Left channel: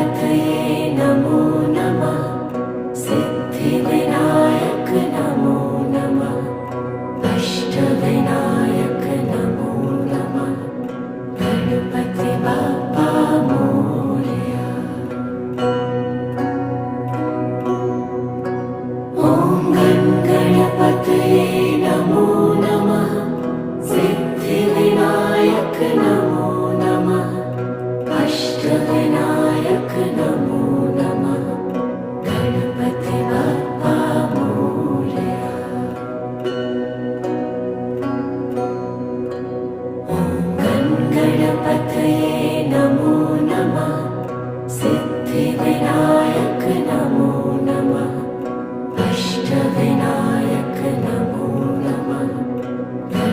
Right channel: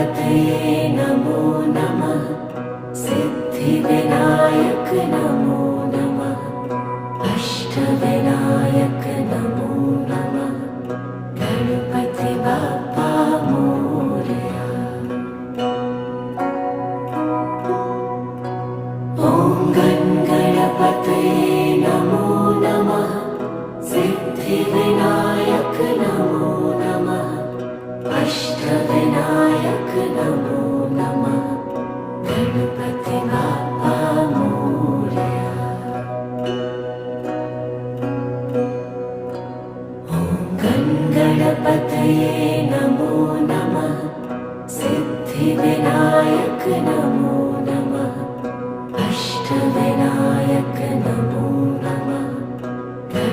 गणपतये नमो नमः। सिद्धिविनायक नमो नमः। अष्टविनायक नमो नमः। गणपति बाप्पा मोरया। ॐ गणपतये नमो नमः। सिद्धिविनायक नमो नमः। अष्टविनायक नमो नमः। गणपति बाप्पा मोरया। ॐ गणपतये नमो नमः। सिद्धिविनायक नमो